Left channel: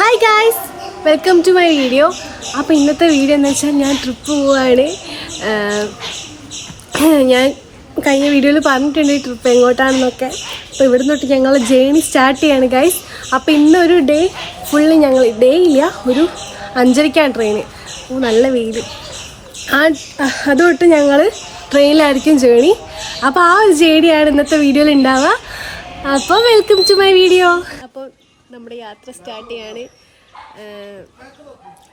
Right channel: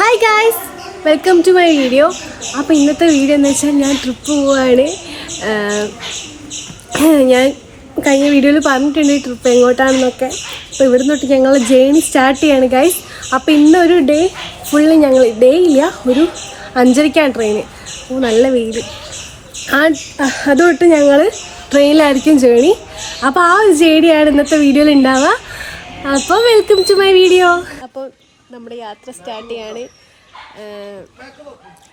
Hi guys welcome to my video അപ്പോൾ ഇന്നത്തെ video എന്ന് വെച്ചാൽ ഞാൻ ട്രിപ്പ് പോവുകയാണ് ഞാൻ കഴിഞ്ഞ വീഡിയോയിൽ പറഞ്ഞിട്ടുണ്ട് ഈ ട്രിപ്പ് എങ്ങോട്ടാണെന്നൊക്കെ. അപ്പോൾ ഇവിടെ തൊട്ട് ഞങ്ങൾ ജേണി സ്റ്റാർട്ട് ചെയ്യാണ് ഗൈസ് അപ്പോൾ ഇന്നൊരു ഡേ ഫുള്ള് ഞങ്ങൾ ഡേ ഇല്ല ഒരു അഞ്ചരയ്ക്കാണ് ട്രെയിന് ഓ നല്ല വെയിൽ. ആ അതുതൊട്ട് ഞങ്ങൾ ട്രെയിനിലായിരിക്കും ജേണി അപ്പോൾ ആ ഒരു ജേണിയാണ് ഇന്നത്തെ വീഡിയോയിൽ ഉണ്ടാവുക അപ്പോൾ വെൽക്കം ടു മൈ വീഡിയോ നമ്മുടെ യാത്ര സ്റ്റാർട്ട് ചെയ്യാണ്.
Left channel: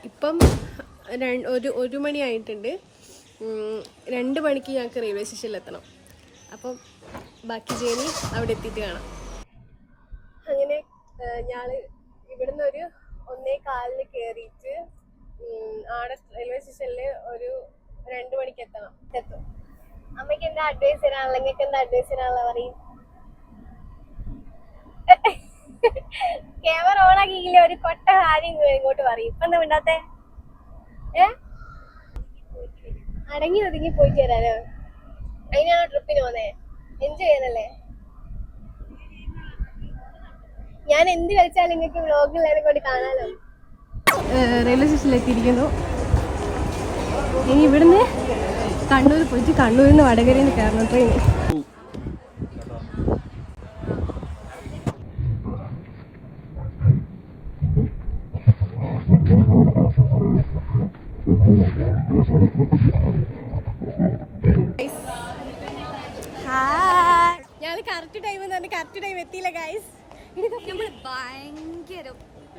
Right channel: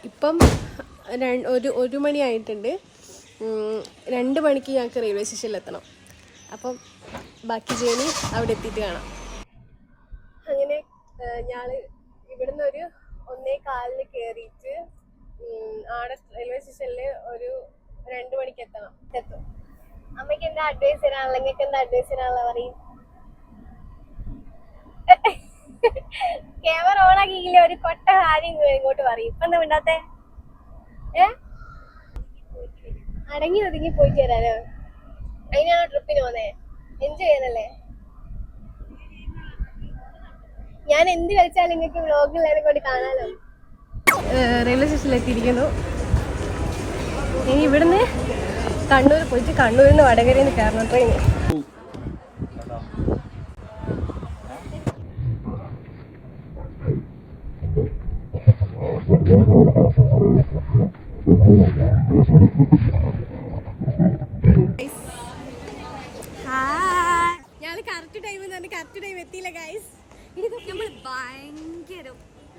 ഇപ്പം ഒരു ഒരു മണിയായിട്ടുണ്ട് രണ്ട് മണിക്ക് ഞങ്ങൾക്ക് റെയിൽവേ സ്റ്റേഷനിൽ എത്തണം. അപ്പം ബാക്കി ജേണി അവിടെ എത്തിയിട്ട് കാണാം. അങ്ങനെ ഞാൻ ഇവിടുന്ന് ഒരു ഒന്നേ കാലിന് കയറിയിട്ട് ആടെ റെയിൽവേ സ്റ്റേഷനിൽ ഒരു രണ്ട് മണിക്ക് എത്തണം. എത്തും. അമ്മയ്ക്ക് എന്താ അഡ്വൈസ് തരാനുള്ള നിങ്ങൾക്ക് എന്താ അഡ്വൈസ് തരാനുള്ള പറയും. ക്യാമറ ഓൺ ആക്കിയില്ല ഒരു കൊട്ട കാര്യം ഇങ്ങ് ഇങ്ങോട്ട് പറയും. ഇപ്പൊ എന്താ മിണ്ടാത്തെ? ഏ? അടങ്ങി ഒതുങ്ങി പോയിട്ട് വരാനോ അതിനാണ് ട്രിപ്പിന് പോന്നേ? എൻജോയ് ചെയ്യാനല്ലേ? ഞാൻ എന്ത് കളിച്ചാലും നിങ്ങൾക്ക് വ്ലോഗിൽ എന്നെ കൊണ്ട് കാണാലോ. റെയിൽവേ സ്റ്റേഷനിൽ എത്തിയിരിക്കുന്നു ഇനി ഇവിടുന്ന് കണ്ണൂർ പോയിട്ട് കണ്ണൂരിൽ നിന്ന് വടകരയിൽ നിന്ന് കയറണം ട്രെയിൻ ഞങ്ങൾ കറക്റ്റ് ടൈം എന്ന് കറക്റ്റ് ടൈം എത്തിയില്ല ഗൈസ് നമ്മൾ ഭയങ്കര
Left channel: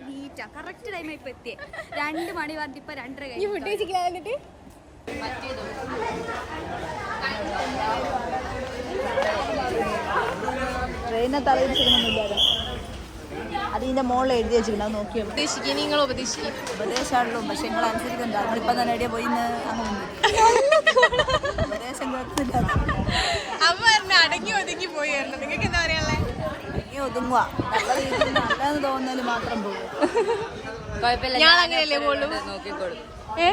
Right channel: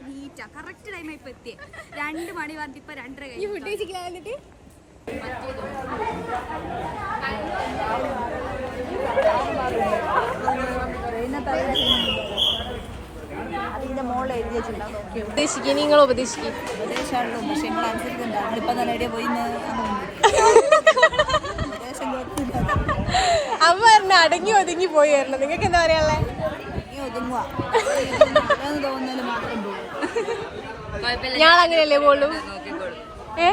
നീറ്റാ കറക്റ്റ് ടൈം ഇപ്പൊ എത്തിയേ രണ്ട് മണി പറഞ്ഞിട്ട് ഇപ്പൊ രണ്ടര ഈ കഴിഞ്ഞു ഫുഡ് കഴിച്ചില്ല എന്നിട്ട് അതിന്റെ മുകളിൽ എഴുതി വെച്ചിട്ടുണ്ടാവും നോക്കി ഉപദേശിക്കുക നിങ്ങൾ ഉപദേശിക്കും ഉപദേശമാണല്ലോ പക്ഷെ നിങ്ങൾ അനുസരിക്കണ്ട നമ്മളിപ്പം തന്നെ എവിടെയാ പോയി അങ്ങനെ ഉപദേശം കേൾക്കുന്നില്ല അമ്മ പറഞ്ഞ അടങ്ങി ഒതുങ്ങി പോയായിരുന്നു. നിങ്ങൾക്ക് എന്താ പറയാനുള്ളത് ഇനി ഒതുങ്ങുക നല്ലതെന്ന് തോന്നുന്നതിൽ മാത്രം പോകും ഞാൻ അങ്ങനെയല്ലേ പോളൂ ഏ?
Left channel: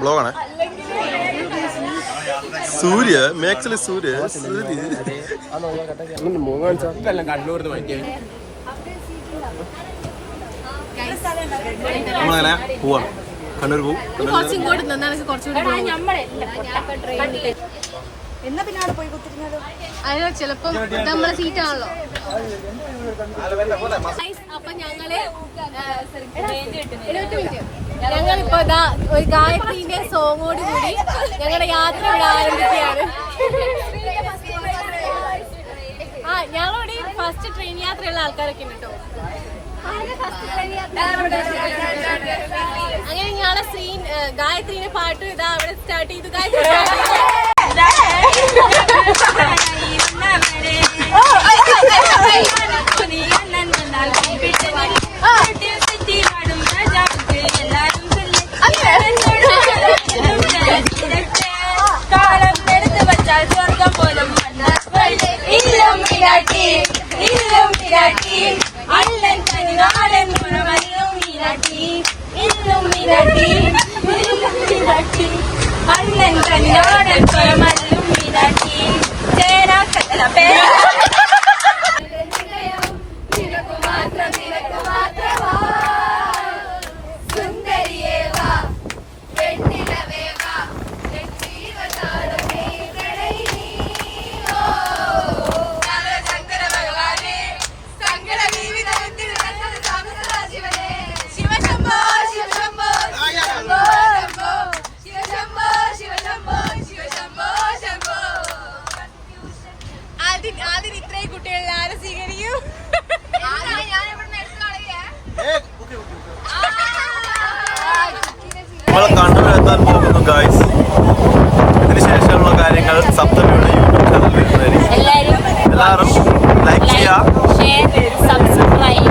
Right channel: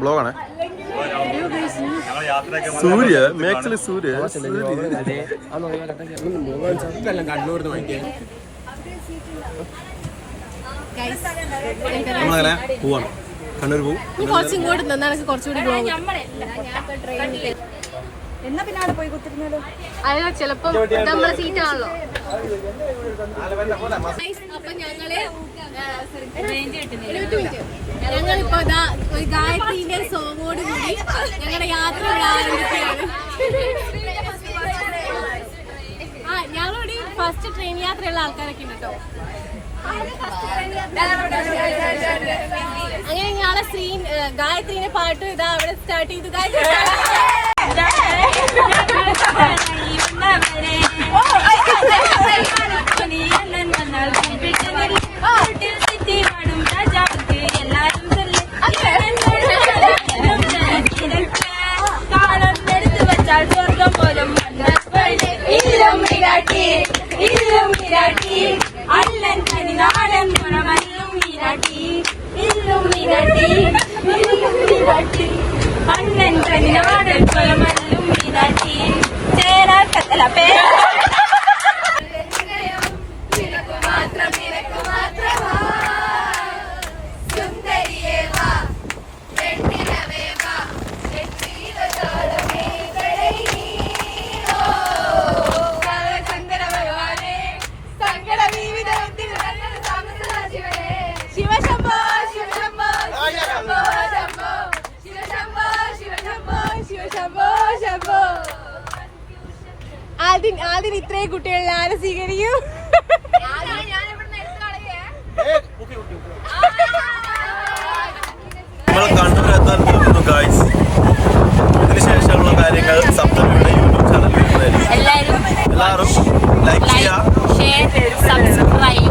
ബ്ലോഗാണ്. സൂര്യ മേക്സിൽ സൂര്യ നമ്മളങ്ങനെ പോവാണ്. കണ്ണൂർ പോവും. എന്നാ പിന്നെ അവിടെ പോയി കുത്തിരുന്നാലോ? ചിലപ്പം നമ്മളെ അപ്പൊ ഞങ്ങൾ ഞങ്ങളിപ്പോ ഇപ്പൊ ഒരു ഗായത്രിന്റെ സോങ്ങോട് കൂടി ഞങ്ങളുടെ യാത്ര ഇവിടെ ആരംഭിക്കുകയാണ്. ആ ഞങ്ങളോട് ഫസ്റ്റ് ട്രെയിൻ യാത്രയുള്ള ആൾക്കാരൊക്കെ ഉണ്ട് കേട്ടോ. അങ്ങനെ ഞങ്ങളെ സ്ക്രീൻ ഗായത്രിന്റെ പാട്ട് ഇതാ അവിടെ സ്റ്റാർട്ട് ചെയ്തു. ഗായത്രി സ്റ്റാർട്ട് ചെയ്തു. நீராட்டி இன்னும் நீராட்டி அண்ணன் தனி நாடன் குணமல்லும் நீராட்டி இன்னும் நீராட்டி இன்னும் நீராட்டி அண்ணன் தனி நாடன் குணமல்லும் நீராட்டி சேரா கத்தல பேரா ആദ്യം ഇത്രയും കുട്ടികളിൽ ആരെ സ്വീകരിക്കും. നമ്മളെ എത്താൻ പോകുന്നു ഗായ്സ് ഇതിനുശേഷമുള്ള കാര്യങ്ങൾ സപ്തമിയുടെ യൂട്യൂബ് ചാനൽ വരുന്നതായിരിക്കും. എല്ലാരും എല്ലാവരും ലൈക്ക് ഷെയർ സബ്സ്ക്രൈബ്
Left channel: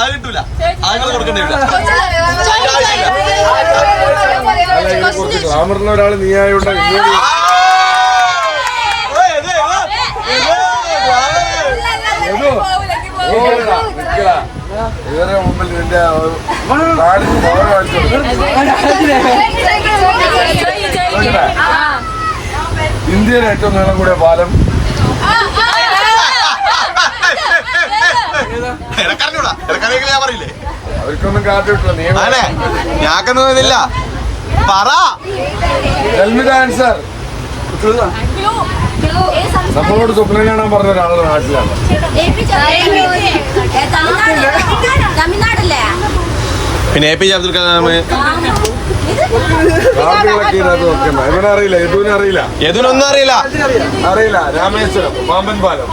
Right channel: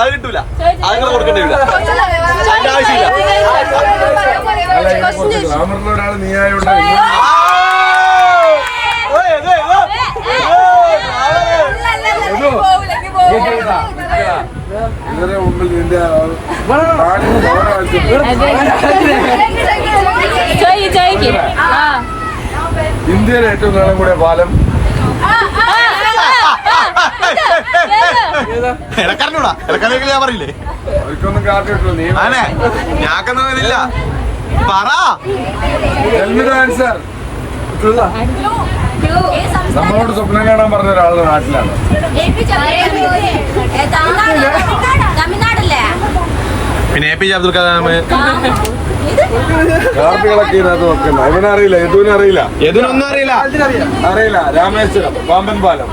അത് കിട്ടൂല അങ്ങനെ കൊടുക്കേണ്ടി ഒരാൾ നീ ആയോണ്ട് ഇങ്ങോട്ട് ഏതോ? നീ കേട്ടാ? നിക്കടാ. ഇവരുടെ മുമ്പിൽ നിന്റെ? ഇന്ത്യയിലെ ഏറ്റവും നീളം കൂടിയ പാലം. ഞാൻ പറയില്ലേ? അവർക്കൊന്നും നീ ആണേ ഞാക്കൊന്നും ഇതില്ല പറ. ആൻസർ നമ്മളോട് സ്വപ്നം കാണാൻ പറഞ്ഞ ഒരാളുടെ നാട്ടിലാണ്. പിന്നെ A P J Abdul Kalam കാർഡുകളൊക്കെ ഇതിനകത്ത് നോക്കുന്നത് ഇവനെ അറിയില്ല യദുവിനെ അറിയില്ല. അറിയില്ല. അറിയില്ല രാമേശ്വരം പാമ്പൻ പാലം.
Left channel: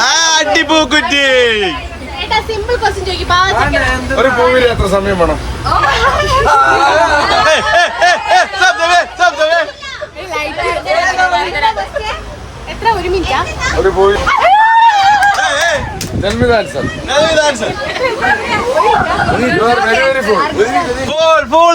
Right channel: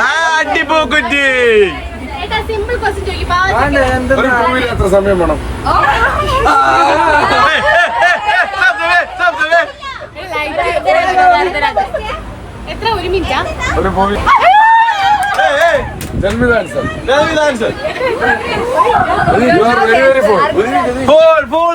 ആ അടിപൂക്കുറ്റി. ഒരു മൂവിൽ എത്ര സമയം വേണം? എത്ര? ഒരു മിനിറ്റാ. ഒരു movie answer you are very very full full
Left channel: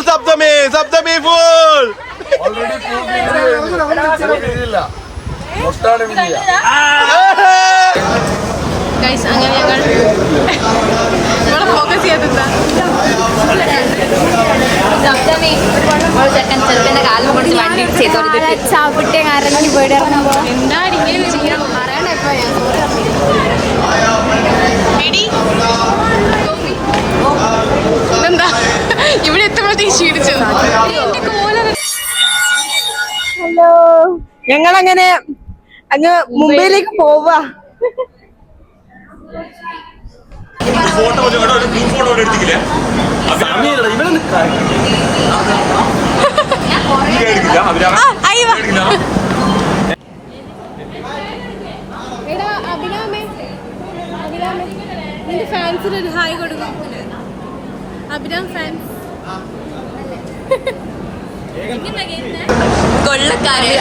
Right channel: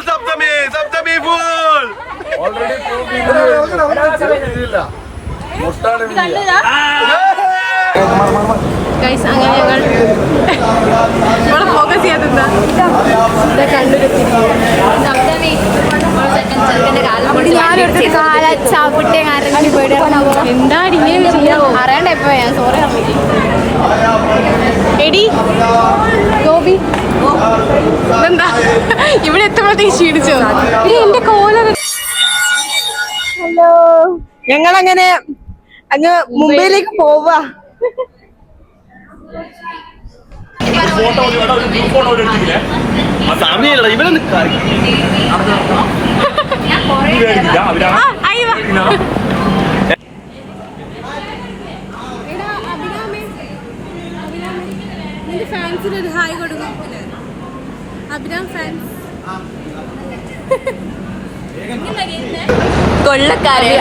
എന്താ ഞാൻ എടി. ഗോപി. ഇതെന്താ? ഇവിടെ എത്തുമ്പോഴത്തേക്ക് ക്ഷീണിച്ചോ ഇനി കോലർ ഹലോ. ഞങ്ങൾ അങ്ങനെ അങ്ങ് മുംബൈയിലേക്ക് പോവാ. ഫോട്ടോ ഒരു ഗ്രൂപ്പ് ഫോട്ടോ എടുത്തില്ലേ സമയമില്ല ഇവിടെ നിന്റെ ഫാൻസിന് ഒരു ഹായ് കൊടുക്കും അഭിരാം ഫാൻസ്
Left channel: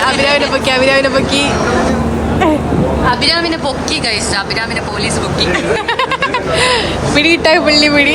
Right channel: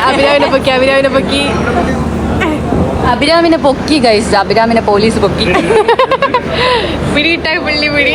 അഭിരാമിനെ പൊക്കി അഭിരാമിനെ പൊക്കി. അഭിരാമിനെ പൊക്കി ഗൈസ് അഭിരാമിനെ പോലീസ് പൊക്കി. പിടിയിട്ടായി പുള്ളി പിടി.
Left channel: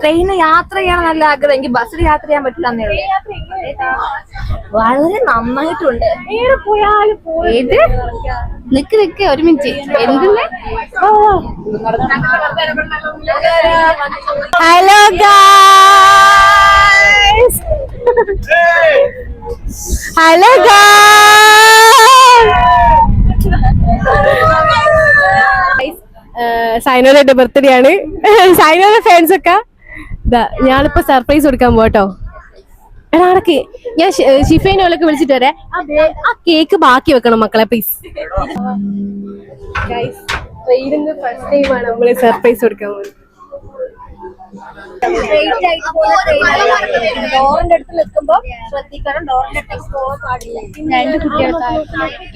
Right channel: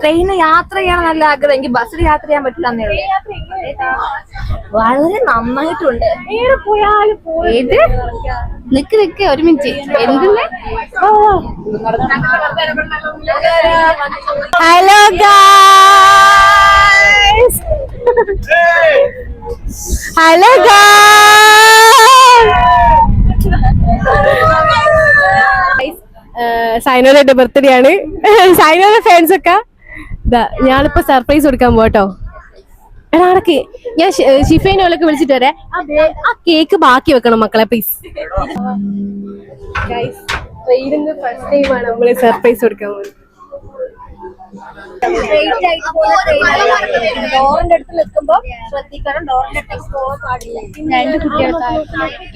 ട്രെയിനിൽ യാത്ര ചെയ്യണം നല്ല ആഗ്രഹം. എനിക്ക് ബസ്സിൽ യാത്ര ചെയ്യാൻ പറ്റില്ല എന്നേ വളരെ നന്നായിട്ടുണ്ട്. ഏത്? നിക്ക് നിക്ക് ഒരു മിനിറ്റ്. എന്തിന്? ഹലോ ഹലോ സൈനോയുടെ ബർത്ത്ഡേ ആണ്. സൈനോയുടെ ഫാൻസ് ഒക്കെ ഞാനിപ്പോ സർപ്രൈസ് കൊടുക്കാൻ പോട്ടോ എടാ അടക്ക് ഞാൻ ഷിഫൈനോലൊക്കെ വിളിച്ചിട്ട് വരെ. ആ കേക്ക് ബാക്കി വെക്കണം മക്കളെ പ്ലീസ് ട്രെയിനിന്ന് ഫസ്റ്റ് ടൈമാണ് നമ്മൾ സർപ്രൈസ് കൊടുക്കാൻ പോകുന്നത് ഡോറിന്റെ അടുത്ത് നിൽക്കുമ്പോ ശ്രദ്ധിക്കണം ഡോറിന്റെ അടുത്തേക്ക് പോകാൻ പാടില്ല. രണ്ട് കുട്ടികൾക്ക്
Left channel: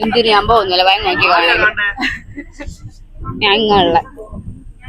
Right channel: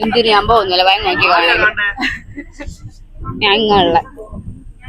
എന്തിനു? ഞാൻ പോകുന്നില്ല. ഭയം നോക്കി കാണാൻ ഞങ്ങളെ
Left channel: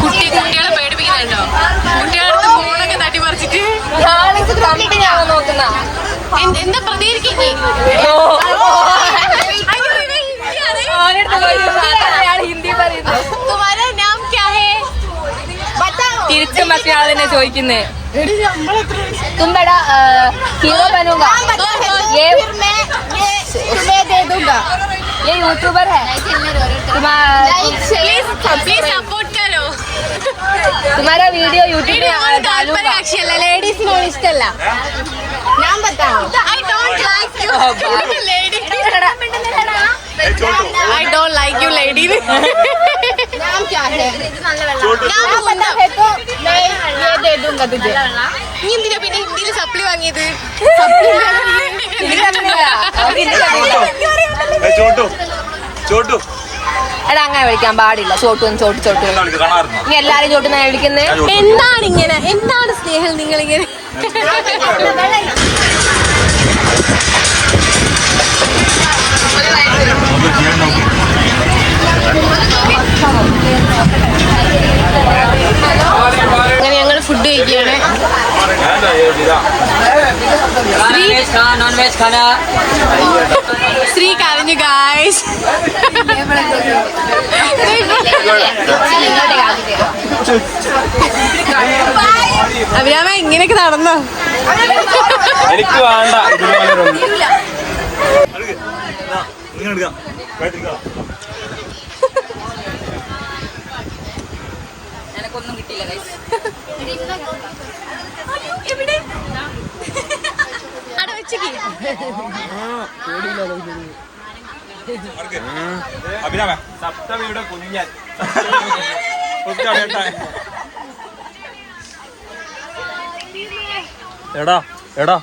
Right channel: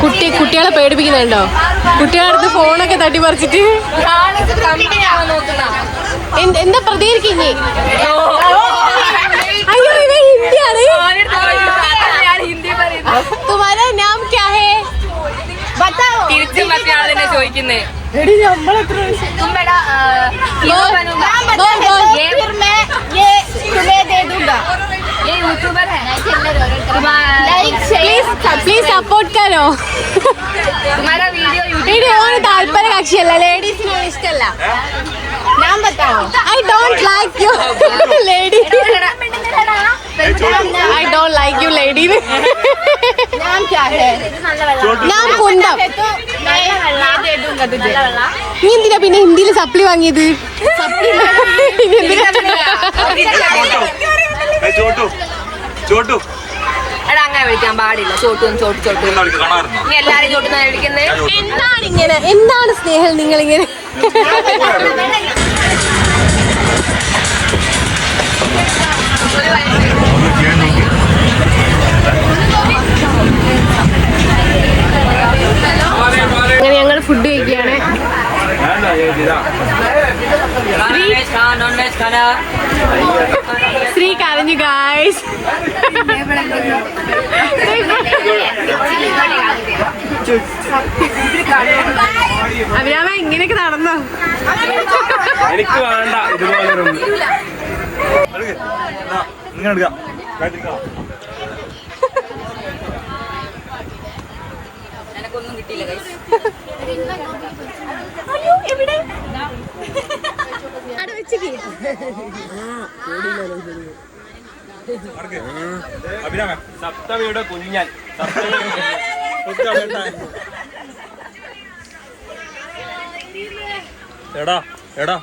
കുട്ടി കുട്ടികളെ പേടിപ്പിക്കുന്നുണ്ടോ? കുട്ടികളടുത്ത് ഫോണൊക്കെ തട്ടിപ്പറിച്ചിട്ട് എന്താ പ്രതികരിക്കുന്നേ? ചോദിക്കുന്നേ. തുമ്പടാ होगा ये यूट्यूबर है प्लीज प्लीज सपोर्ट करो तुम्हारा वीडियो യൂട്യൂബ് വീഡിയോ താല്പര്യ കക്ഷിയല്ല ലേഡീസിനോട് ഇഷ്ടമല്ല I don't like you lady I don't like you lady ഞാൻ കുന്തം നീ എന്തിനാ പിന്നെ ഹിന്ദിയിൽ സപ്ലി വാങ്ങിയത് സപ്ലി ചോട്ടു. ചോട്ടു. എടാ അങ്ങനെ വിളിക്കാൻ പാടില്ല. ചോട്ടും ചോട്ട് ചോട്ട് എല്ലാരും എന്താണ് ഇങ്ങനെ? എന്താണ് സ്നേഹം നിങ്ങൾ ഇങ്ങനെ അങ്ങനെ ഞങ്ങൾ ഫുഡ് കഴിക്കുകയാണ്. ശ്രീ കരഞ്ഞു ഗായ്സ് അഭിരാമ ഇങ്ങനെയൊക്കെ നടന്നോ? എനിക്ക് വേണ്ട ഇതുപോലെ എനക്കൊന്നും കിട്ടിയില്ല കൈ അവിടെ വെച്ചേക്ക്. അഭിരാമ സപ്തമിയുടെ കുഞ്ഞൻ. സപ്തമിയുടെ കുഞ്ഞൻ. എടാ എടാ.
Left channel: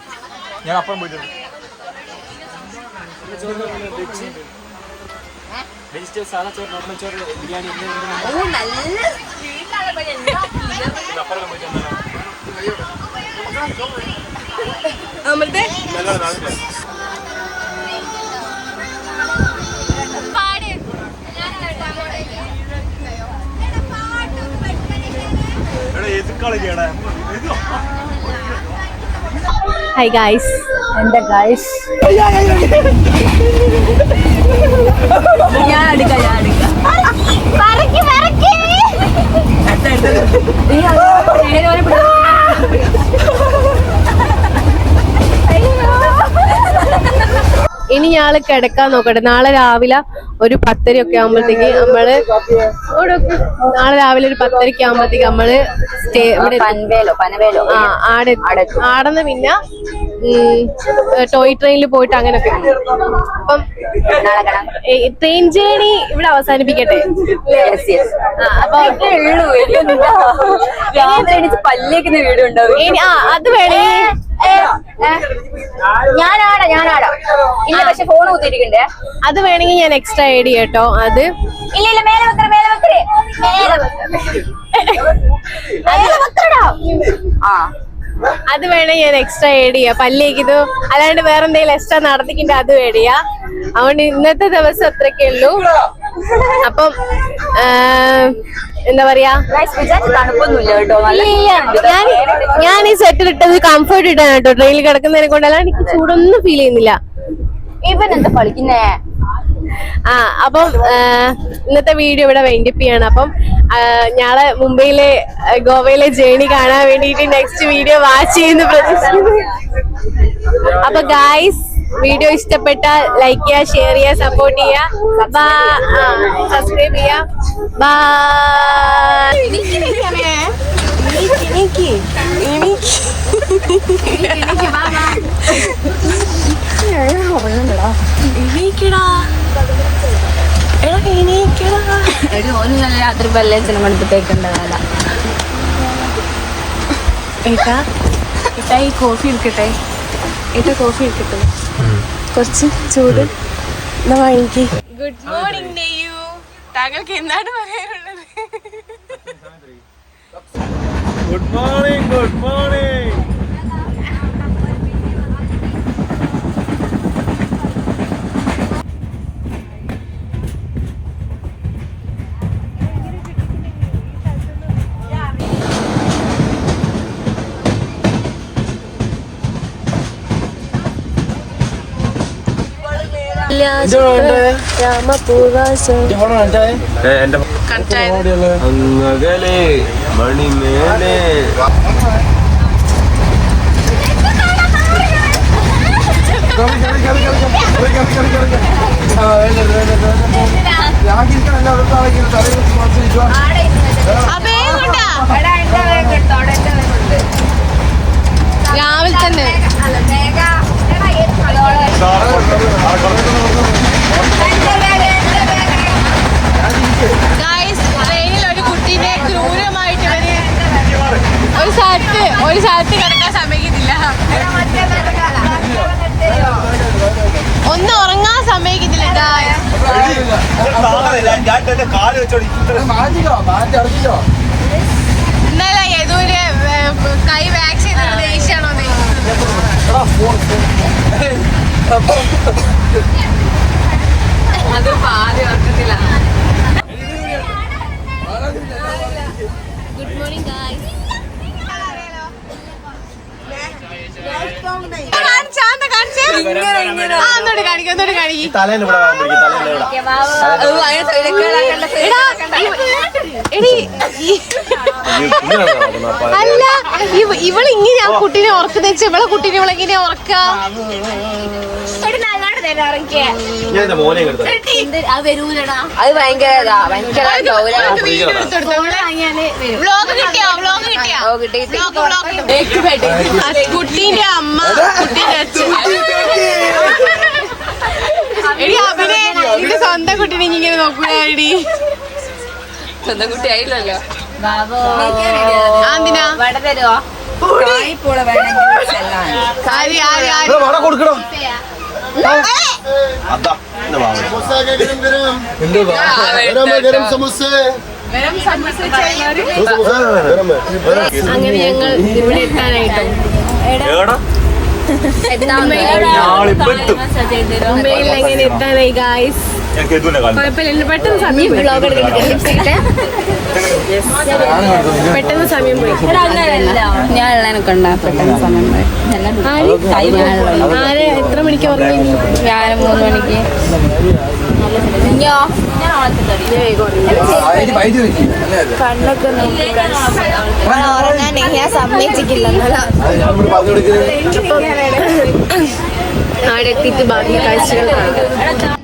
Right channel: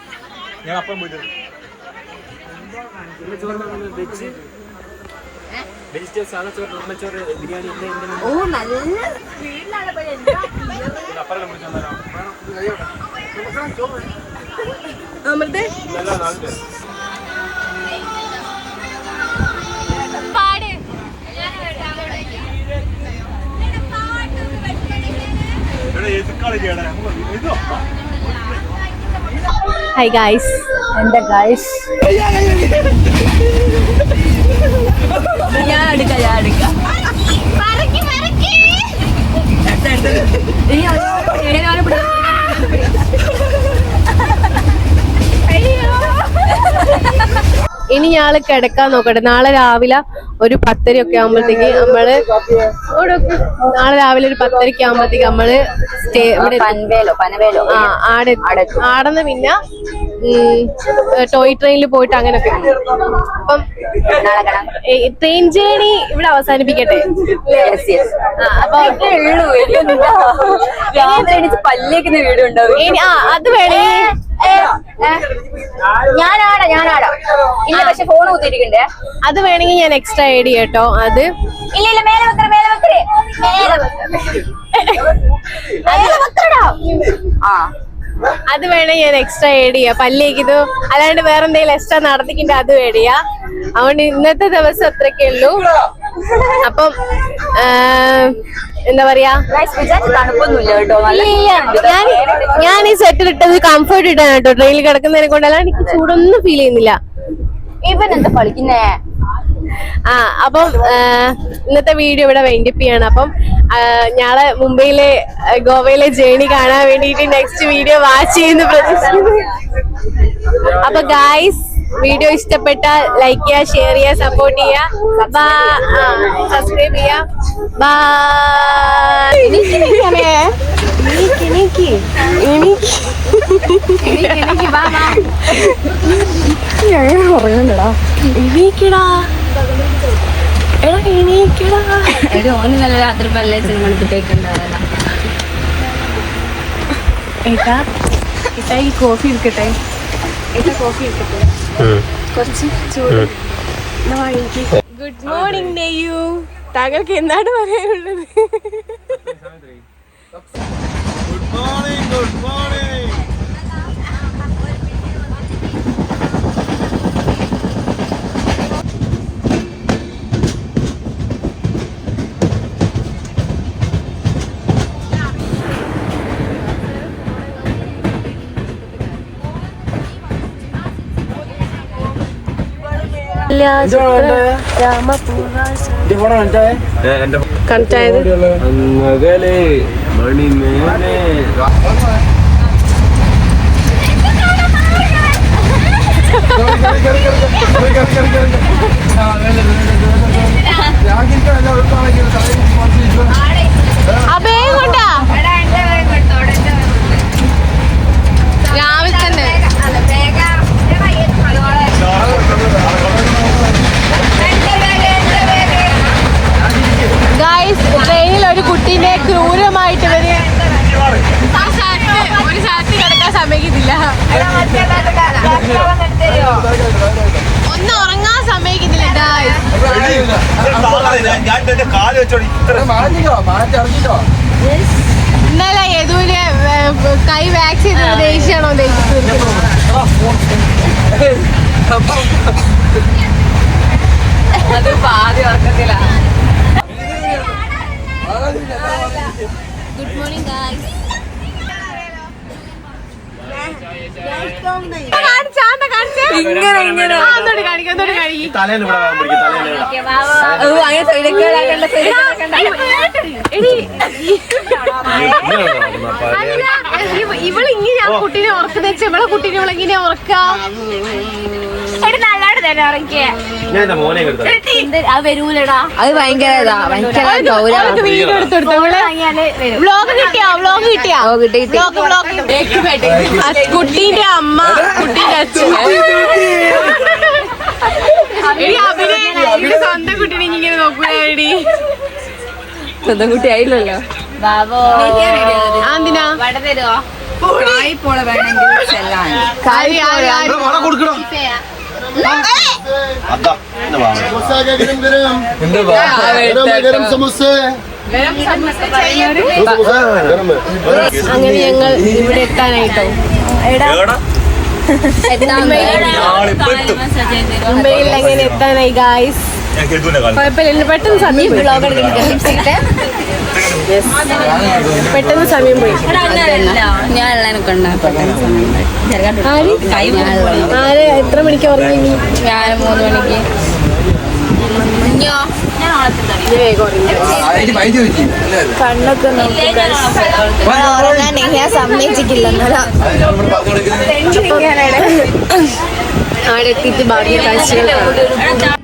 ഞാൻ അപ്പം വെജിറ്റബിൾസ് ആണ് ചോറ് നോർമൽ ചോറ് ബിരിയാണി ഓ നല്ല അമൃതേ? പാട്. എതിർക്കാളെ ചെയ്യണേ നമുക്ക് എഴുതോ? ഹായ് ഗായ്സ് എന്റെ ഗായ്സ് ഞാൻ എടുക്കാം ഞാൻ എടുക്കാം. ഇനി ഞാൾ കിടക്കാൻ നോക്കട്ടെ. നാളെ രാവിലെ ഒരു പത്തര ഒക്കെ ആകുമ്പോഴത്തേക്ക് നമ്മൾ നാളെ രാവിലെ ഒരു പത്തരക്ക് ആകുമ്പോഴത്തേക്ക് നമ്മൾ സ്റ്റേ ഇവിടെ പനവേലോ പനവേലോ. ആ ആടെ ആടന്ന് പിന്നെ ടോയ് ട്രെയിനിൽ പോയിട്ട് അങ്ങനൊക്കെ. അപ്പം ട്രെയിൻ ജേണി ഇവിടെ അവസാനിപ്പിക്കട്ടെ? പല്ലേക്കുന്ന വീട് ഉണ്ടാവും അത് വേണേ. ഞാനാടാ ഞാനാടാ. ഇല്ല പക്ഷെ ഫോൺ കുത്തിയിരിക്കണ്ടേ? അത് വേണമെങ്കിൽ ഞാൻ എക്സ്ട്രാ ആഡ് ചെയ്യട്ടോ കേട്ടോ അത്. ഇല്ല ഇല്ല മേലെ വെക്കറ മേലെ വെക്കറേ മേലെ വെക്കറ. മേലെ വെക്കറടാ ആ. അത് വേണേ ഞാൻ എക്സ്ട്രാ ഏഡ് ചെയ്യാം. പല്ലേക്കിത് അല്ലാണ്ട് വേറെ എന്തെങ്കിലും എക്സ്ട്രാ നടത്തിക്കിണ്ട് അത് ഏഡ് ചെയ്യാം. അതുകൊണ്ട് ഇന്നത്തെ ദിവസം അത്രയ്ക്കേ ഉള്ളൂ. അപ്പം എന്താ പറയാ? ഞാൻ ഞാൻ ഈ സെറ്റിൽ ഇട്ടത് കംഫർട്ട് ഇട്ടാണ് കേട്ടോ. ട്രെയിനിൽ കിടക്കുന്നതിനെ കൊണ്ട് അല്ലാണ്ട് എനിക്ക് ചൂടൊന്നും ഫീൽ ചെയ്യുന്നില്ല. ഇവൻ എന്താ കളിക്കുന്നേ? ആ അപ്പം ഇന്നത്തെ വീഡിയോ ഇവിടെ വൈൻഡപ്പ് ചെയ്യാണ് അപ്പം ഞാളെ മുംബൈയിലെ ഗോവയിലെ ജേണി കാണാൻ വേണ്ടിയിട്ട് നെക്സ്റ്റ് വീഡിയോ വാച്ച് ചെയ്യുന്ന പ്രതീക്ഷിക്കുന്നു അപ്പൊ ഗായ്സ് വീഡിയോ ഇഷ്ടപ്പെട്ട ലൈക്ക് ചെയ്യുക ഷെയർ ചെയ്യുക സപ്പോർട്ട് ചെയ്യുക. സബ്സ്ക്രൈബ് ചെയ്യുക. ബൈ എണീക്കടാ. എടാ എണീക്കടാ. ഓന് നല്ല രാത്രി പല്ലേച്ചനും കളിപ്പിട്ടേക്കുണ്ടാവില്ല ഏട്ടാ ഏട്ടാ ഈ കോഫി ഇരിക്കട്ടെ ഏട്ടാ കോഫി ഇരിക്കട്ടെ കുറച്ച് ചൂട്. എന്നാ വാങ്ങിക്ക്. ഗുഡ് മോർണിംഗ് നെയ്യു താങ്കൾക്ക് എന്താണ് പറയാനുള്ളത്? Good morning good morning connect ആയത് രാവിലെ തന്നെ ഗായ്സ് ട്രെയിനിൽ ഒരു കുട്ടീനെ ക്രൂരമായിട്ട് ഇവർ ഒരു സ്ഥലത്ത് ഒരു സ്ഥലത്ത് കിടക്കാൻ സമ്മതിക്കുന്നില്ല. ഒന്ന് ഉറങ്ങാൻ സമ്മതിക്കുന്നില്ല ഗായ്സ് ഇന്നലെ യദുവിന് കൈ വാക്സ് ചെയ്ത ദേഷ്യാണോ അത് പാതി ഉറക്കത്തിലാണ് ഗുഡ് മോർണിംഗ് ഗായ്സ് കാണിച്ചാന്ത കാണിച്ചേ ആ ഒന്നോട് കാണിക്കാം ഒന്നോട് കാണിക്കും തലേന്ന് ഇവിടെ വാ പിടിക്കും തലേന്ന് ഇവിടെ എടാ, എടി, ഈ- അല്ല ഇവ- ഇവൾ ഇങ്ങനെ ആ കുട്ടീനെ ഉറക്കുന്ന വെച്ചാൽ ഇവളെ കുട്ടീനെ ഇവളെ ഇങ്ങനെ വ്ലോഗ് കിട്ടിയാ? വ്ലോഗ് കിട്ടിയാ? വ്ലോഗ് വ്ലോഗ് കുട്ടീന്റെ അമ്മ കുട്ടീന്റെ അച്ഛൻ. എടി അഭിനയ എന്റെ സ്വന്തം കുട്ടീനെ ഇങ്ങനെ നോക്കുക എടി സ്വന്തം കുട്ടി ആയില്ലല്ലോ. ആന്തിനാ? വട വേണമെങ്കിൽ കൊടുക്കണം. അങ്ങനെ ഞങ്ങൾ ഇവിടെ എത്താനായിട്ടോ. മുംബൈയിൽ എങ്ങനെ എത്താനായി ഗായ്സ്. കുഴപ്പമില്ല. പെട്ടെന്ന് സമയം. പെട്ടെന്ന് സമയം പോയി. ഞാൻ ആര്? എത്ര മണിക്ക് ഉറങ്ങി ഞാൻ മൂന്ന് മണിക്ക്. കണ്ണൊക്കെ നോക്കി ഉറങ്ങാൻ ഞാൻ സമ്മതിച്ചിട്ടില്ല എന്നാലും അവിടെ എത്തിയിട്ട് ബാക്കി കാഴ്ചകൾ കാണാം.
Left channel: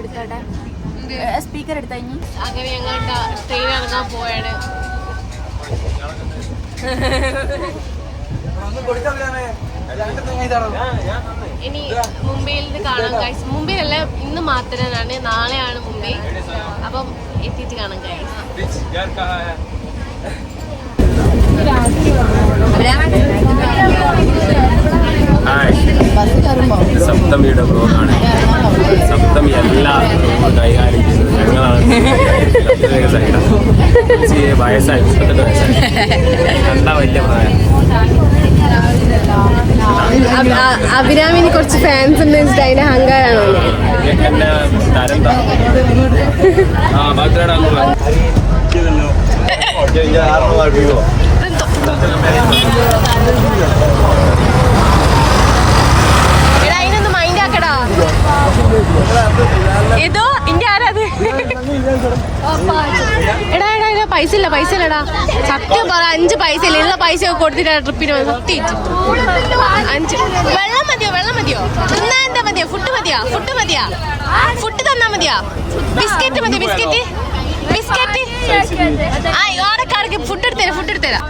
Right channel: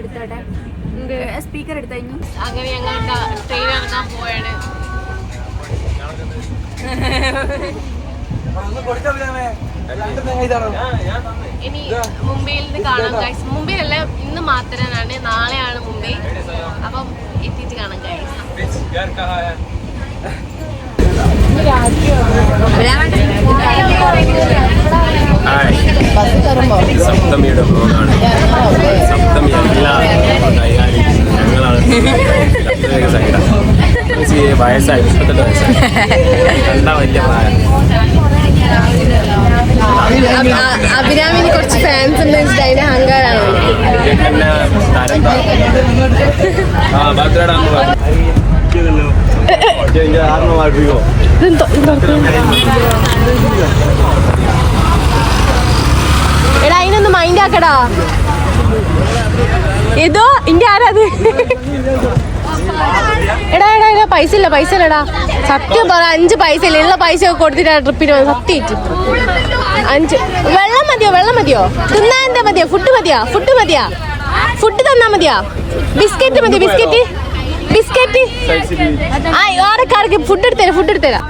തുറന്നെടുത്തോട്ടെ സ്പീക്കർ എടുത്താ ഇനി? അങ്ങനെ ഞങ്ങൾ ട്രെയിൻ ഇറങ്ങാൻ പോയാണ് ഇനി മുംബൈയിൽ നിന്ന് കാണാം ഗൈസ് അല്ല ഇന്ന് മാത്രമാണ് നാളെയാണ് മുംബൈ. അപ്പം എത്തിയിട്ട് കാണാം ഗൈസ് സപ്തമിയുടെ ബ്ലോഗാണ് സപ്തമി എല്ലാ കൈകാര്യം ചെയ്യുന്നത് ഞങ്ങളാണ്. സൈഡാണ് വയസ്സായി മുപ്പത്തെട്ട് വയസ്സായി. കണ്ട വലിയ പ്രായം. അഭിരാമിന് കുറച്ച് ഫാൻസ് ഉണ്ട് അതിന്റെ അഹങ്കാരാണ് തരം താ- ആ ഭദ്രടാന്ന് പറഞ്ഞു ഇങ്ങനെ കാരണമായിട്ടോ ഇതെന്തോ എന്തോ എടാ അതിനൊന്ന് ആക്കടാ ഇതോ ഇന്റെ ആരാത്? എടാ എടാ എടാ പൈസ ഇല്ല പൈസ ഇല്ലടാ സത്യം പറ അഞ്ച് പൈസ ഇല്ല. ഉള്ള പൈസ ഒക്കെ കൊടുത്തിട്ടാ ട്രിപ്പിന് സത്യം അഞ്ച്. വെള്ളം മതിയോ വെള്ളം മതിയോ? തിന്നാൻ എന്താ മതിയോ? ഫുഡ് മതിയാ? ഫുഡ് മതിയാ? ഫുഡ് തന്നാ മതിയാ? ബിസ്ക്കറ്റ് മതിയോ ബിസ്ക്കറ്റ് ബിസ്ക്കറ്റ് ആ ഓരക്കാർക്ക് ഫുഡ് എടുത്തരാ ഫുഡ് എടുത്തരാം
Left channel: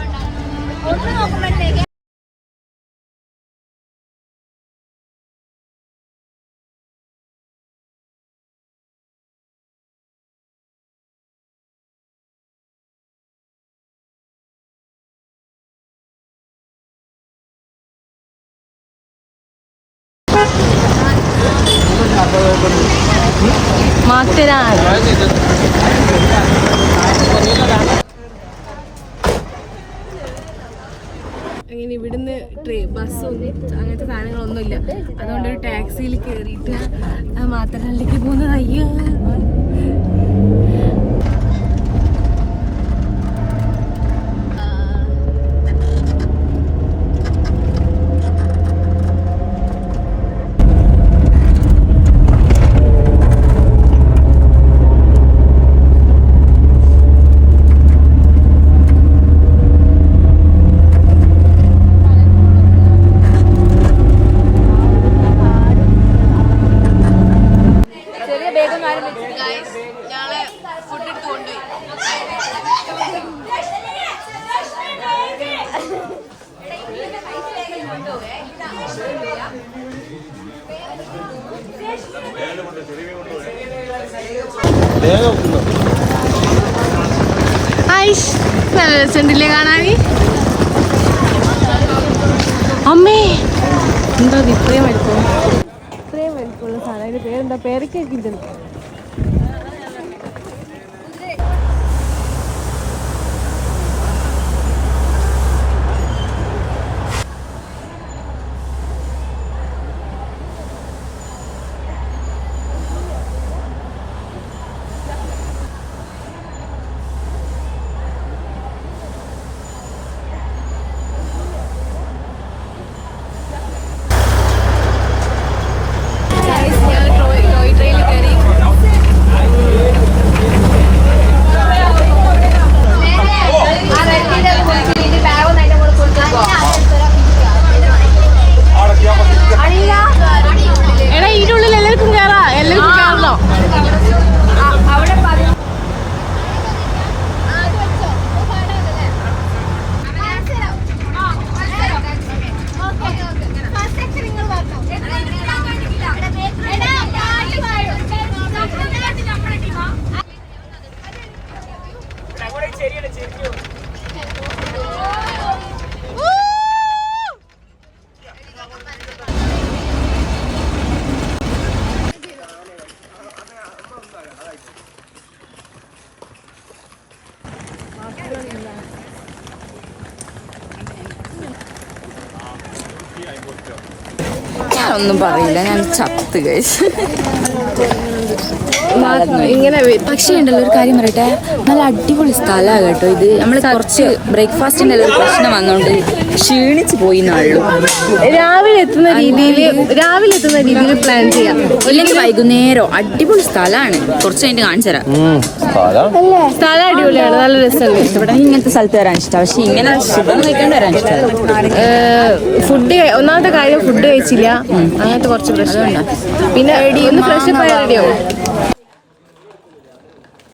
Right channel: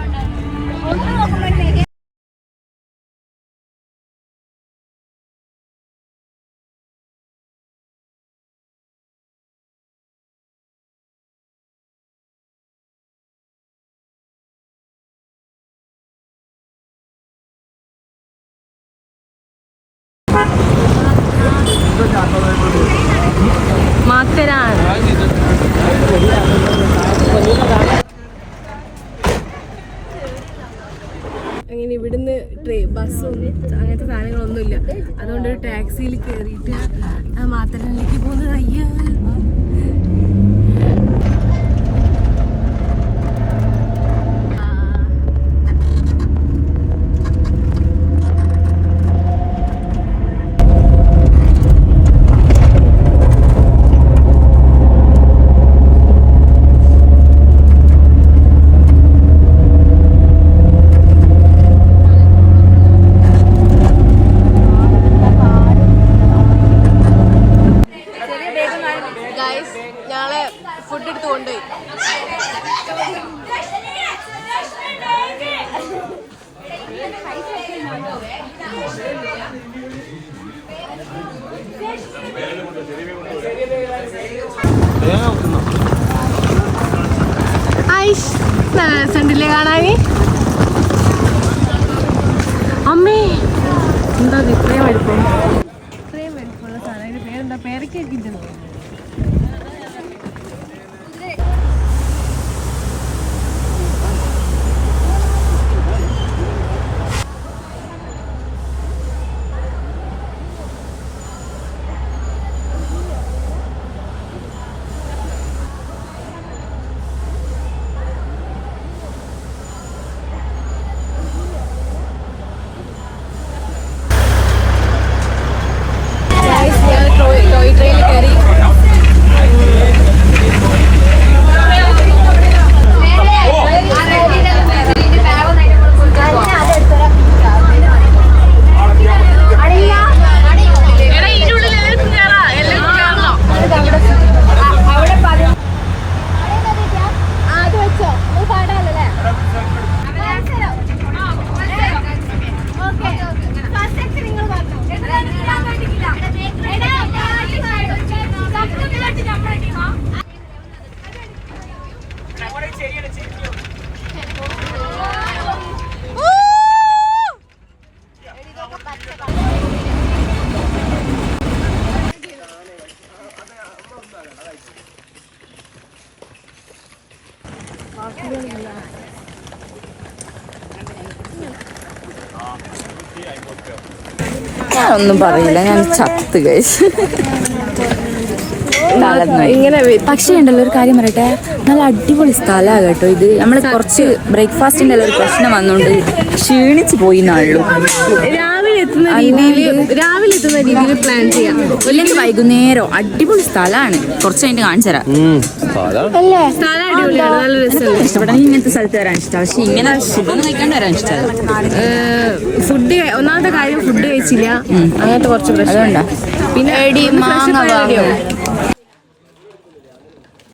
അങ്ങനെ ഇവിടുന്ന് ട്രെയിൻ ബസ്സൊന്നും അങ്ങനത്തെ സാധനങ്ങളൊന്നുമില്ല. അതുകൊണ്ട് ഒരു ടാക്സിയിൽ കയറിയിട്ട് മാത്രല്ലേക്ക് പോകുന്നത് അയ്യോ. എന്താ ഇത് ഇത്രയും വലുപ്പം? ഇത്രയും വലുപ്പമുള്ള സാധനം. അതിന്റെ പേരെന്താ? പേരക്കൊക്കെ ഇട്ടുണ്ട് ഞാൻ ടോയ് ടോയ് ട്രെയിനിൽ കയറി ഞാനൊന്നും പറയില്ല. ഞാൻ ചത്ത് കഴിച്ചു ഇങ്ങനെ പക്ഷേ ഉണ്ടല്ലോ ഒരു കാര്യം പറയട്ടെ. നല്ല അടിപൊളി സ്ഥലമാണ് കേട്ടോ ഇത്. നമ്മൾ കുറച്ച് ബ്രേക്ക്ഫാസ്റ്റിന്റെ ഒരു പ്രശ്നം വന്നോണ്ട് ക്ഷീണിച്ച് പോയി നാളു. രാവിലെ എത്തുന്ന രീതിയിൽ രാവിലെ എത്തുന്ന രീതിയിൽ പ്ലാൻ ചെയ്യാം. അല്ലെങ്കിൽ വൈകുന്നേരം അടിപൊളി സ്ഥലമാണ്. കുറച്ച് കഴിഞ്ഞിട്ട് കാണിച്ചു തരാം. അല്ലേ? സ്ഥലം അടിപൊളിയാണ് നല്ല രസമുണ്ട്. ഇവിടെ ഇങ്ങനത്തെ സ്ഥലത്ത് വരാൻ ഇഷ്ടം. പക്ഷെ ഇങ്ങനെ ഫുഡൊന്നും കഴിക്കാണ്ട് വരാൻ ഇഷ്ടം ഫുഡ് ഒന്നാമത്തെ കാര്യം ഫുഡ് കഴിച്ചില്ല. അങ്ങനത്തെ കുറച്ച് പ്രശ്നം പിന്നെ ഒന്ന് ഫ്രഷ് റെഡിയാവും